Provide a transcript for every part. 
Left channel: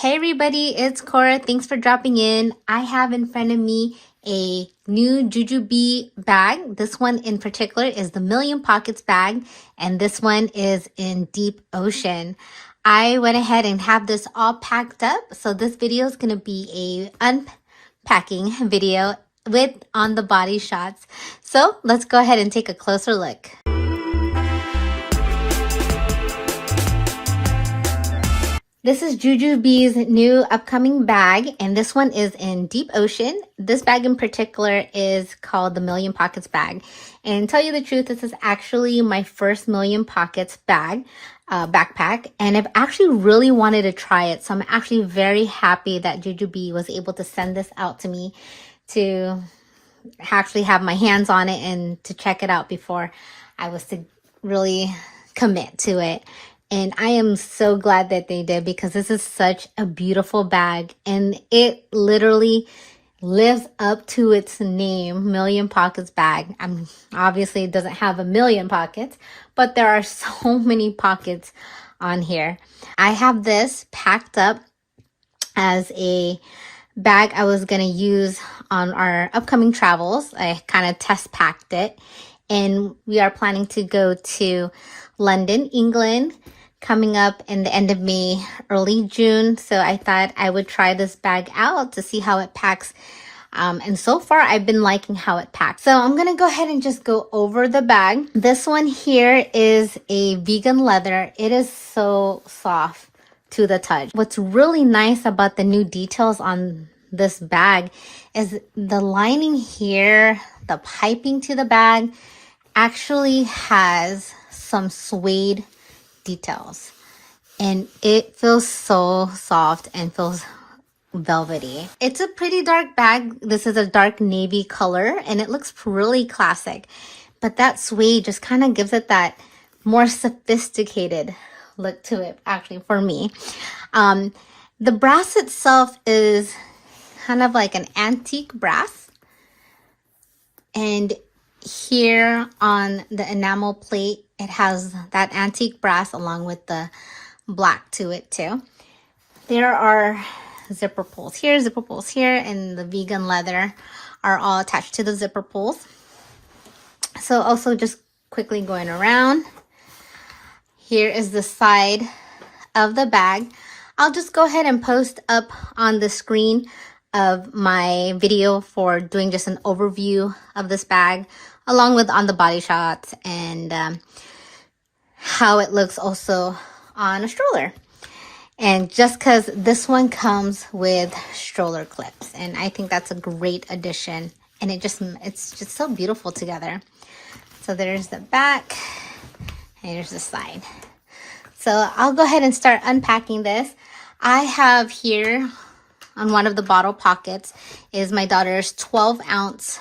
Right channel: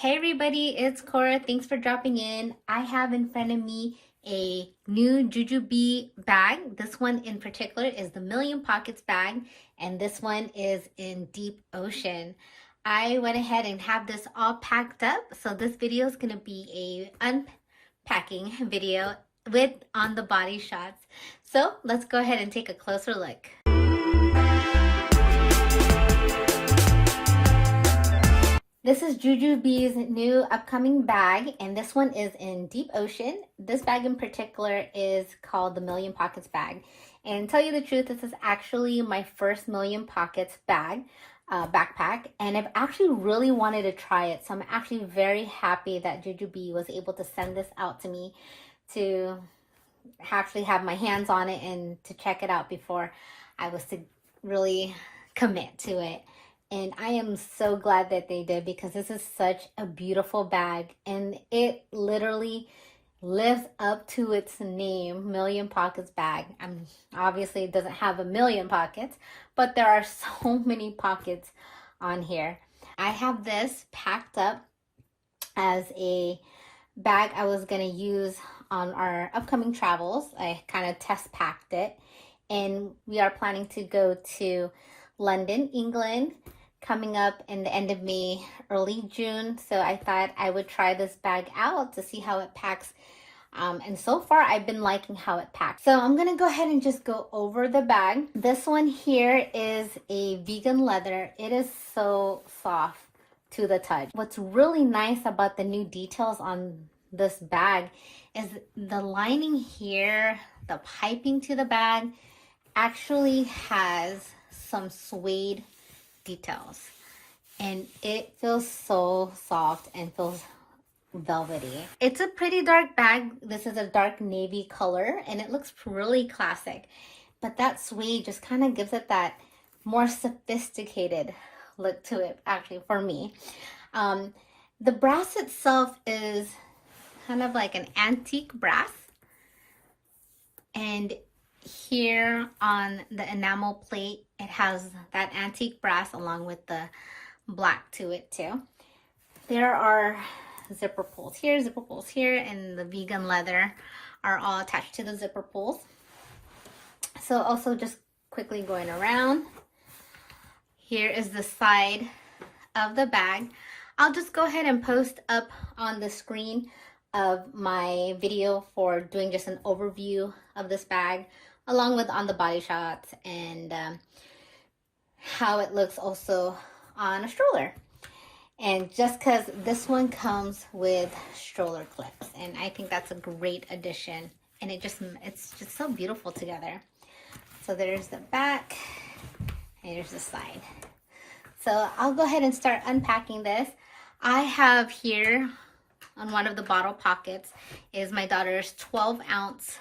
Hey everybody, it's Cora. Thanks for dropping in. I have in front of me a new Jujube bag. This one in particular is the Million Pockets bag, and this one is in Deep Ocean. I went ahead and have this all packed up, so this video is going to be a unpacking video with on the body shots. So let's go ahead and take a closer look. This is Jujube's new upcoming bag, and this one is in Deep Ocean. This bag in particular is called the Million Pockets bag. And tell you the truth, this is actually my first Million Pockets bag, backpack, and I've actually really wanted to try it. So I'm actually very happy that Jujube was able to send this out to me to actually have my hands on it and to check it out before I was to really commit to it. And I am so glad that they did, because this is such a beautiful bag and it literally lives up to its name, Million Pockets bag. Obviously it doesn't have a million pockets, but there are so many pockets on here. I have this packed up as a bag I was going to use on our upcoming travels. I kind of test packed it, and we are planning to go to London, England, coming up in the end of May, early June. So I thought I would try this bag out to see how it packs. And so far I've been liking how it packs. So I'm gonna go ahead and just go over the bag. This one here is a vegan leather. It is so soft to the touch. What's really nice about the new details on this bag is the lining here, the piping to the bag actually has some suede details, and it feels so soft and feels velvety. It's a pretty dark bag. This is a dark navy color and it looks really classic, but that suede just kind of gives it that more sophisticated look to it, actually, for me. The brass itself is kind of like an antique brass, and here on the enamel plate it has that antique brass along with the black to it too. There are zipper pulls here, and the vegan leather are all attached to the zipper pulls. So also just quickly going around, here is the side of the bag. I'll just go ahead and post up on the screen of my video for doing just an overview of this bag, along with on the body shots and how it looks also on a stroller. And just because this one comes with stroller clips, and I think that's a great addition, and it's just so beautiful together. So there's the back and here's the side. So I'll go ahead and start unpacking this. I have here on one of the bottle pockets is my daughter's 12-ounce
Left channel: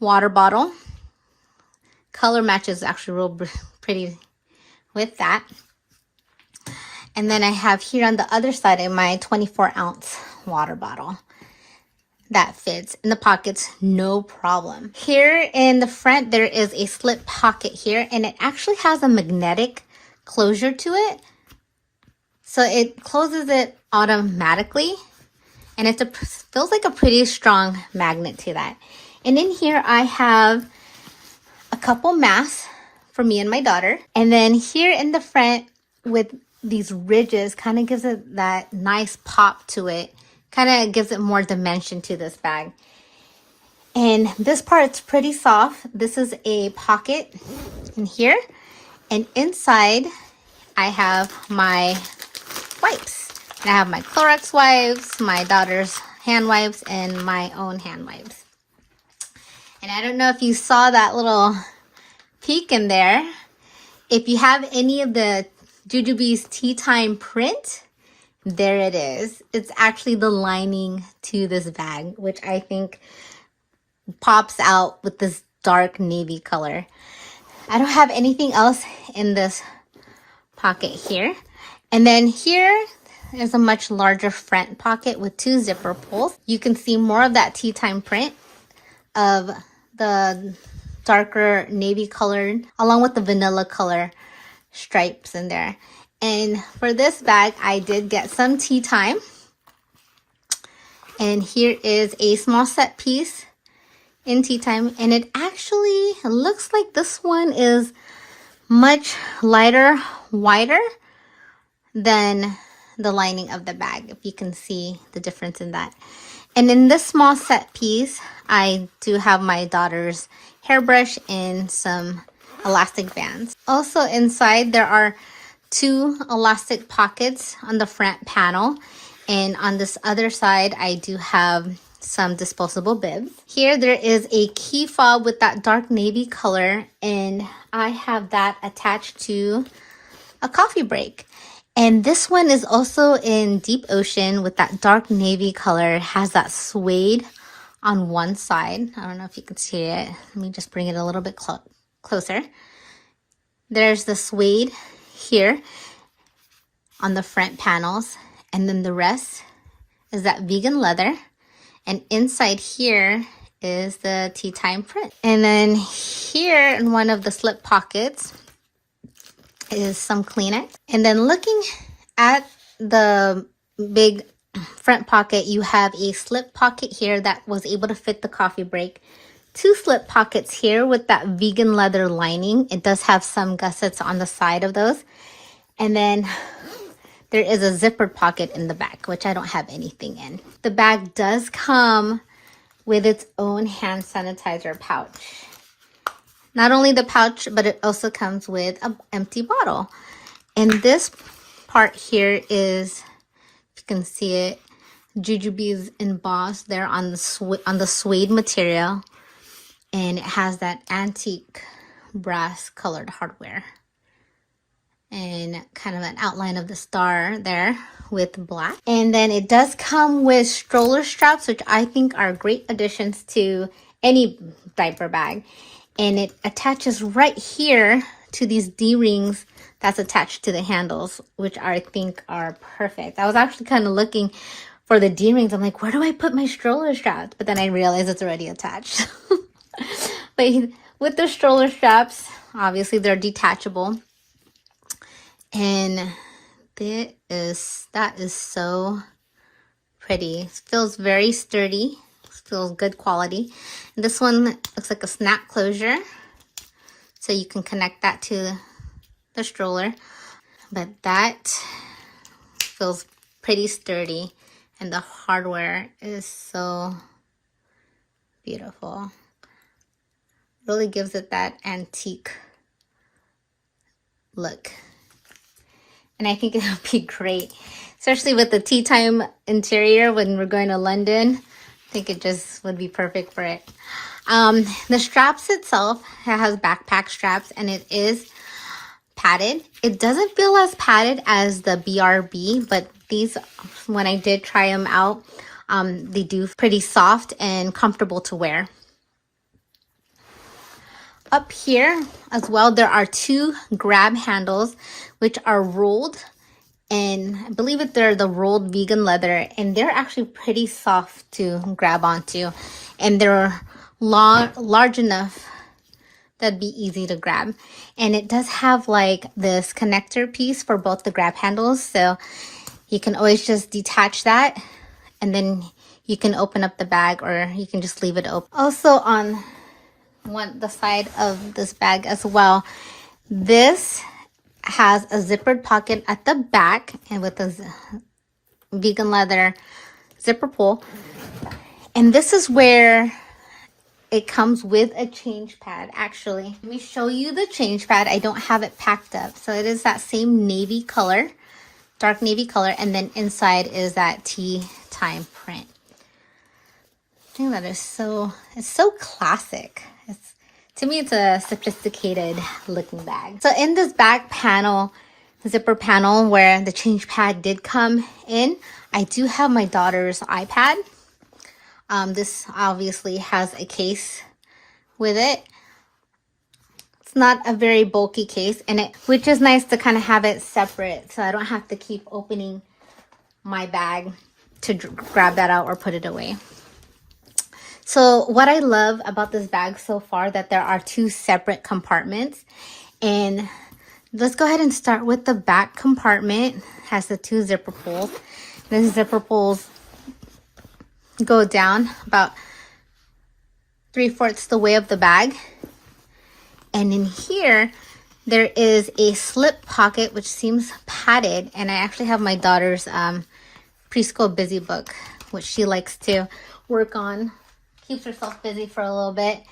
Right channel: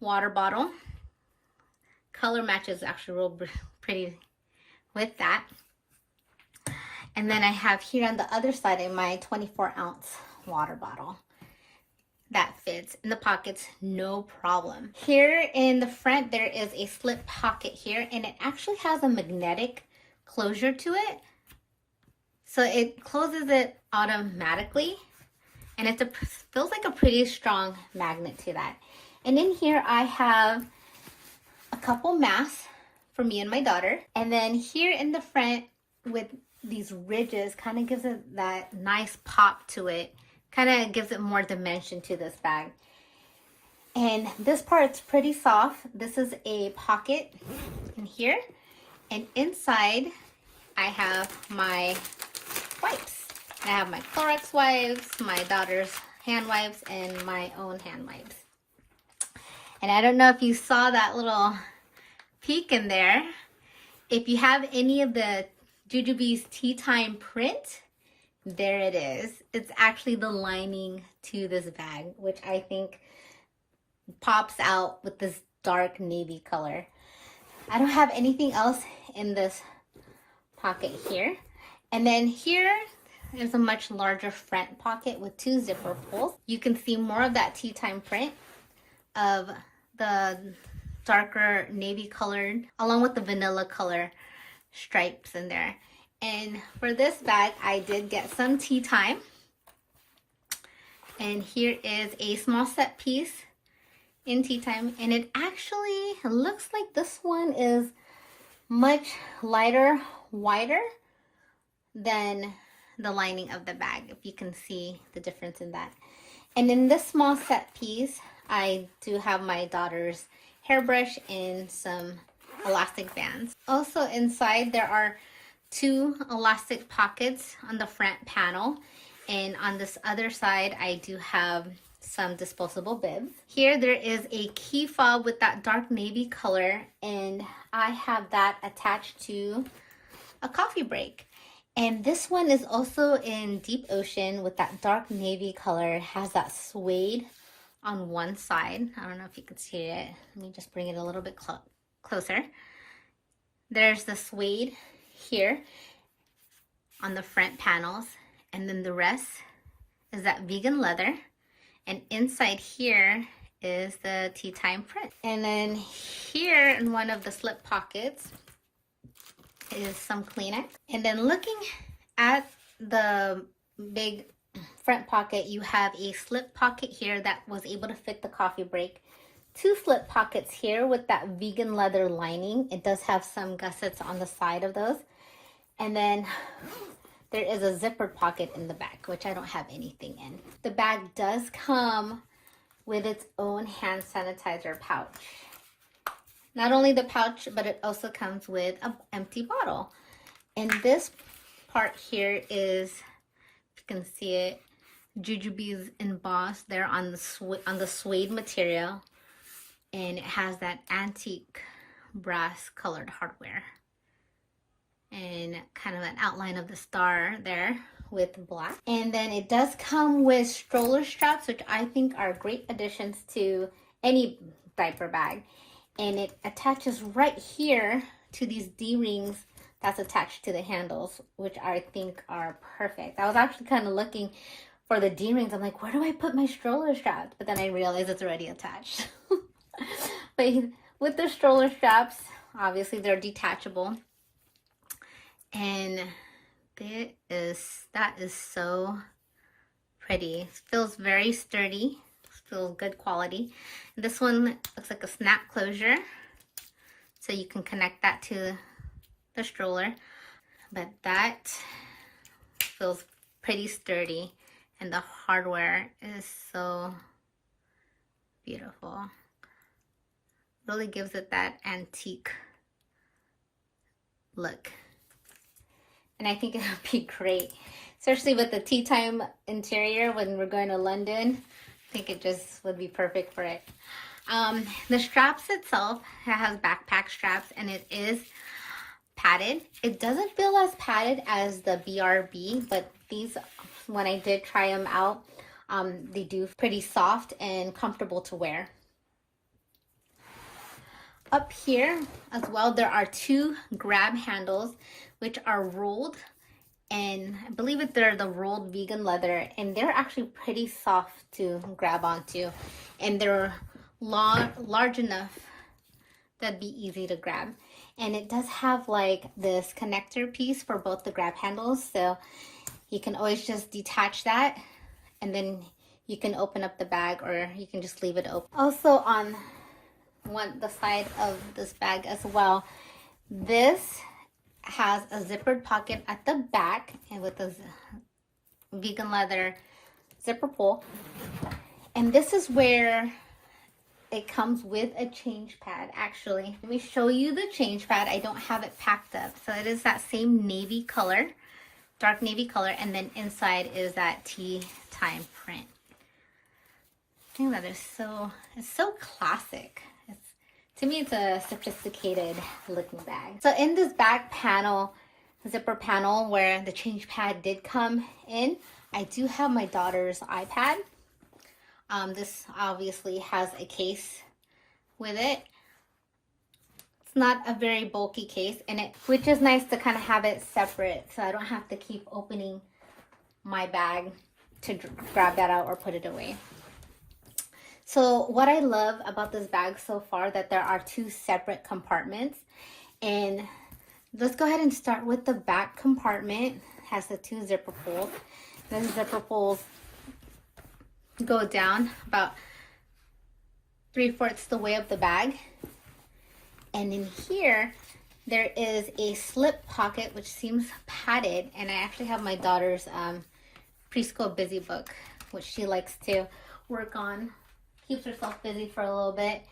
water bottle. Color matches actually real pretty with that. And then I have here on the other side of my 24-ounce water bottle. That fits in the pockets, no problem. Here in the front, there is a slip pocket here, and it actually has a magnetic closure to it. So it closes it automatically, and feels like a pretty strong magnet to that. And in here I have a couple masks for me and my daughter. And then here in the front with these ridges kind of gives it that nice pop to it. Kind of gives it more dimension to this bag. And this part's pretty soft. This is a pocket in here. And inside I have my wipes. And I have my Clorox wipes, my daughter's hand wipes, and my own hand wipes. And I don't know if you saw that little peek in there. If you have any of the Jujube's Tea Time print, there it is. It's actually the lining to this bag, which I think pops out with this dark navy color. I don't have anything else in this pocket here. And then here is a much larger front pocket with 2 zipper pulls. You can see more of that Tea Time print of the darker navy color along with the vanilla color stripes in there. And for this bag, I did get some tea time And here is a small set piece in tea time. And it actually looks like this one is much lighter, wider than the lining of the bag, if you can see the difference in that. And in this small set piece, I do have my daughter's hairbrush and some elastic bands. Also inside, there are 2 elastic pockets on the front panel. And on this other side, I do have some disposable bibs. Here, there is a key fob with that dark navy color, and I have that attached to a coffee break. And this one is also in deep ocean with that dark navy color. It has that suede on one side. I don't know if you can see it. Let me just bring it a little bit closer. There's the suede here on the front panels. And then the rest is that vegan leather. And inside here is the tea time print. And then here in one of the slip pockets is some Kleenex. And then looking at the big front pocket, you have a slip pocket here that was able to fit the coffee break. 2 slip pockets here with that vegan leather lining. It does have some gussets on the side of those. And then there is a zippered pocket in the back, which I don't have anything in. The bag does come with its own hand sanitizer pouch. Not only the pouch, but it also comes with an empty bottle. And this part here is, if you can see it, Jujube's embossed there on the suede material. And it has that antique brass colored hardware. And kind of an outline of the star there with black. And then it does come with stroller straps, which I think are great additions to any diaper bag. And it attaches right here to these D-rings that's attached to the handles, which I think are perfect. I was actually kind of looking for the D-rings. I'm like, where do I put my stroller straps? But then I realized it's already attached. But with the stroller straps, obviously they're detachable. And that is so pretty. It feels very sturdy. Feels good quality. And this one looks like a snap closure, so you can connect that to the stroller. But that feels pretty sturdy, and the hardware is so beautiful. Really gives it that antique look. And I think it'll be great, especially with the tea time interior when we're going to London. I think it just would be perfect for it. The straps itself, it has backpack straps, and it is padded. It doesn't feel as padded as the BRB, but these, when I did try them out, they do pretty soft and comfortable to wear. Up here as well, there are 2 grab handles, which are rolled. And I believe that they're the rolled vegan leather, and they're actually pretty soft to grab onto. And they're large enough that'd be easy to grab. And it does have like this connector piece for both the grab handles. So you can always just detach that, and then you can open up the bag, or you can just leave it open. Also on the side of this bag as well, this has a zippered pocket at the back, and with a vegan leather zipper pull. And this is where it comes with a change pad. Actually, let me show you the change pad. I don't have it packed up. So it is that same navy color, dark navy color, and then inside is that tea time print. I think that is it's so classic. To me, it's a sophisticated looking bag. So in this back panel, zipper panel where the change pad did come in, I do have my daughter's iPad. This obviously has a case with it. It's not a very bulky case, which is nice to kind of have it separate, so I don't have to keep opening my bag to grab that out or put it away. So what I love about this bag so far, that there are 2 separate compartments. And let's go ahead and start with the back compartment. It has the 2 zipper pulls. The zipper pulls go down about 3/4 the way of the bag. And in here, there is a slip pocket, which seems padded. And I actually have my daughter's preschool busy book, which she likes to work on. Keeps herself busy for a little bit.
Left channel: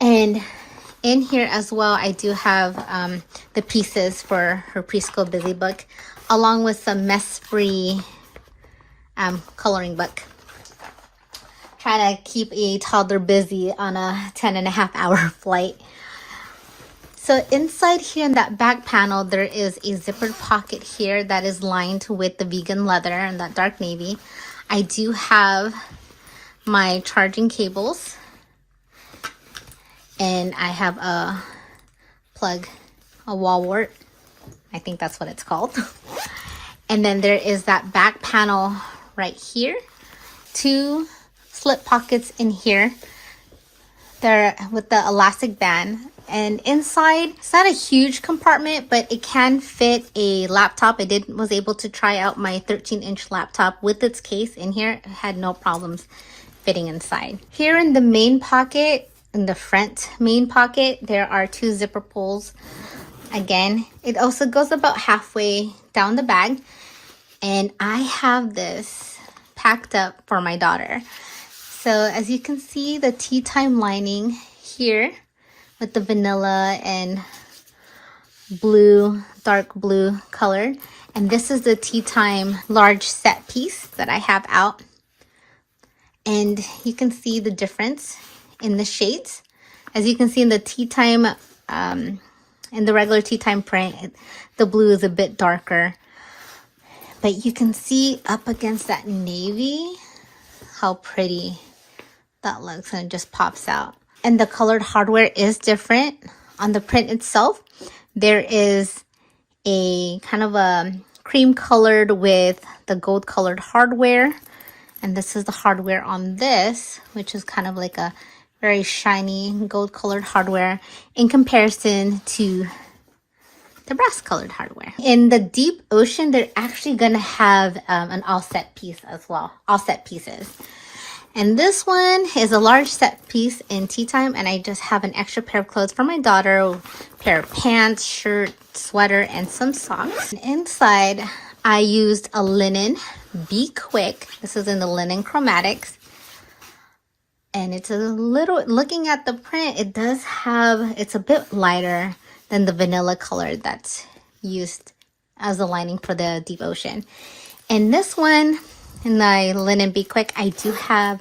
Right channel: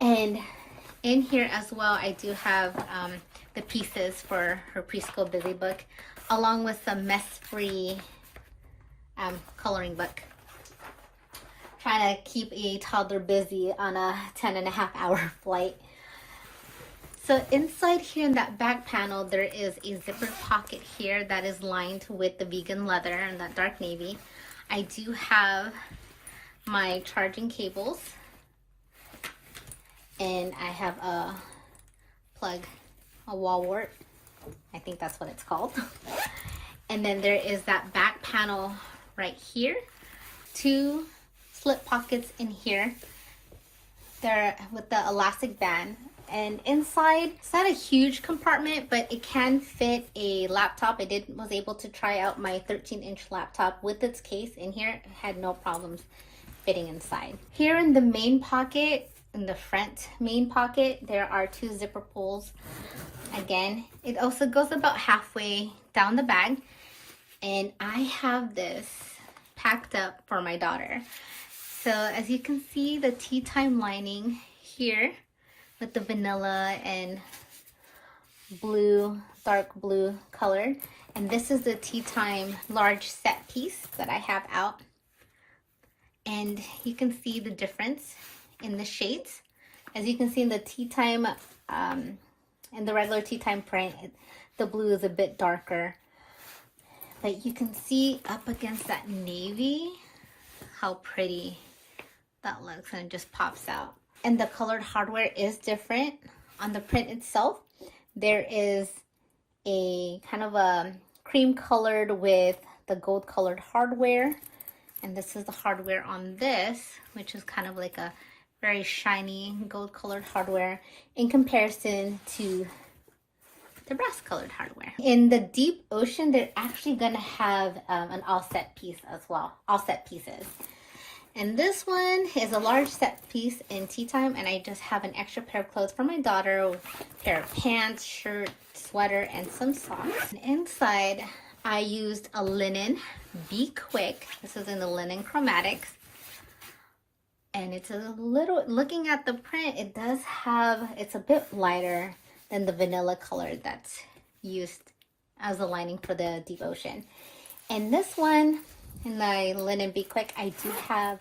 And in here as well, I do have the pieces for her preschool busy book, along with some mess-free coloring book. Trying to keep a toddler busy on a 10.5-hour flight. So inside here in that back panel, there is a zippered pocket here that is lined with the vegan leather and that dark navy. I do have my charging cables, and I have a plug, a wall wart. I think that's what it's called. And then there is that back panel right here. 2 slip pockets in here. They're with the elastic band. And inside, it's not a huge compartment, but it can fit a laptop. I was able to try out my 13-inch laptop with its case in here. It had no problems fitting inside. Here in the main pocket, in the front main pocket, there are 2 zipper pulls. Again, it also goes about halfway down the bag. And I have this packed up for my daughter. So as you can see, the tea time lining here with the vanilla and blue, dark blue color. And this is the tea time large set piece that I have out. And you can see the difference in the shades. As you can see in the tea time, in the regular tea time print, the blue is a bit darker. But you can see up against that navy how pretty that looks, and it just pops out. And the colored hardware is different. On the print itself, there is a kind of a cream colored with the gold colored hardware. And this is the hardware on this, which is kind of like a very shiny gold colored hardware in comparison to the brass colored hardware. In the deep ocean, they're actually gonna have an all set piece as well, all set pieces. And this one is a large set piece in tea time, and I just have an extra pair of clothes for my daughter, a pair of pants, shirt, sweater, and some socks. And inside, I used a linen Be Quick. This is in the linen chromatics. And it's a little, looking at the print, it does have, it's a bit lighter than the vanilla color that's used as the lining for the deep ocean. And this one, in the linen Be Quick, I do have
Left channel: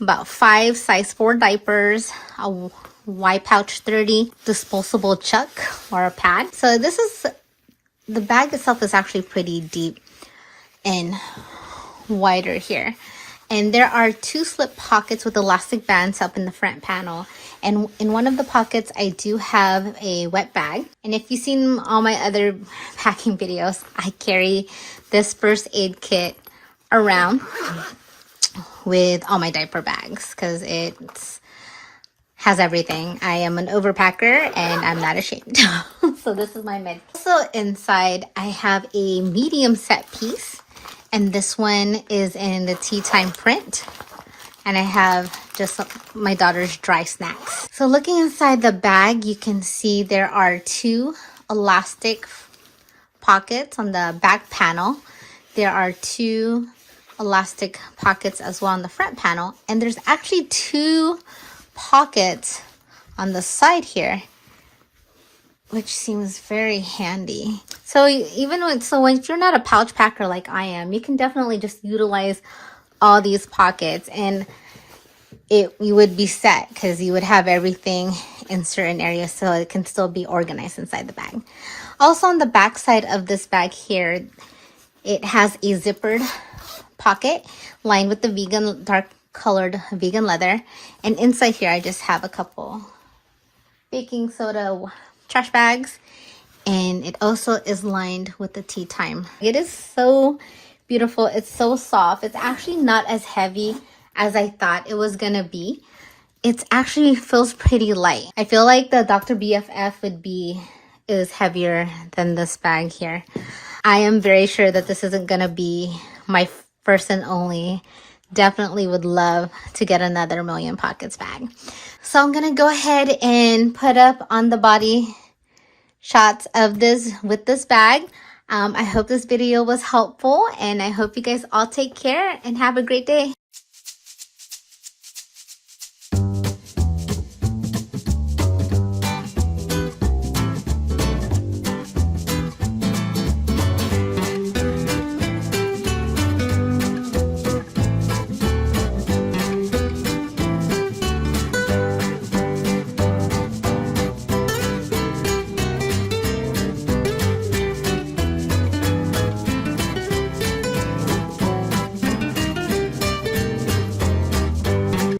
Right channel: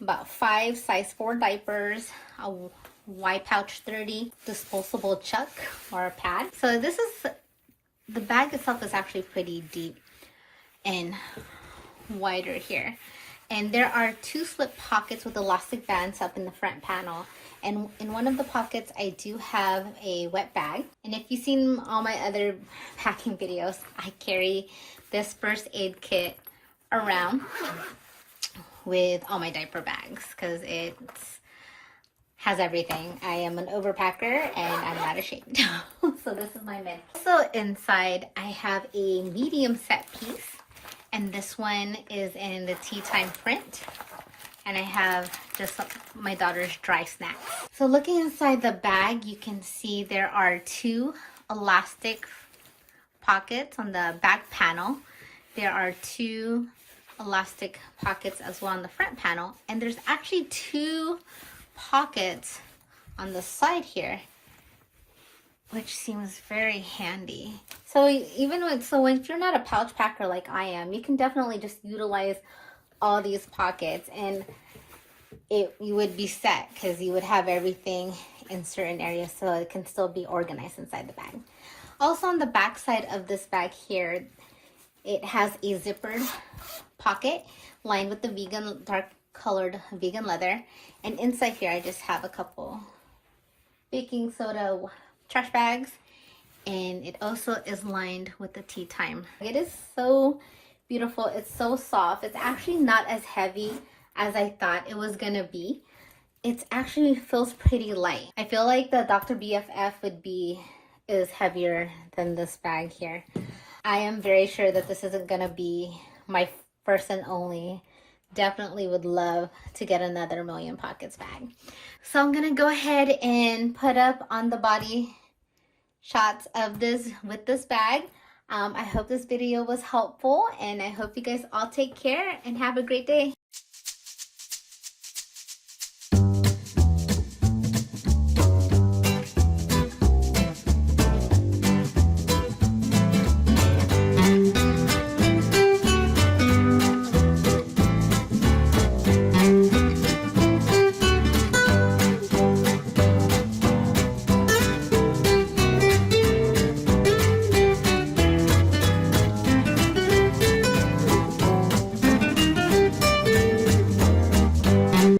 about 5 size 4 diapers, a Y Pouch 30 disposable chuck or a pad. So this is, the bag itself is actually pretty deep and wider here. And there are 2 slip pockets with elastic bands up in the front panel. And in one of the pockets, I do have a wet bag. And if you've seen all my other packing videos, I carry this first aid kit around with all my diaper bags because it has everything. I am an overpacker and I'm not ashamed. So this is my med. So inside I have a medium set piece, and this one is in the tea time print, and I have just my daughter's dry snacks. So looking inside the bag, you can see there are 2 elastic pockets on the back panel. There are 2 elastic pockets as well on the front panel, and there's actually 2 pockets on the side here, which seems very handy. So even when, if you're not a pouch packer like I am, you can definitely just utilize all these pockets, and you would be set because you would have everything in certain areas so it can still be organized inside the bag. Also on the back side of this bag here, it has a zippered pocket lined with the vegan, dark colored vegan leather. And inside here, I just have a couple baking soda trash bags. And it also is lined with the tea time. It is so beautiful. It's so soft. It's actually not as heavy as I thought it was gonna be. It actually feels pretty light. I feel like the Dr. BFF is heavier than this bag here. I am very sure that this isn't gonna be my first and only definitely would love to get another Million Pockets bag. So I'm gonna go ahead and put up on the body shots of this with this bag. I hope this video was helpful, and I hope you guys all take care and have a great day.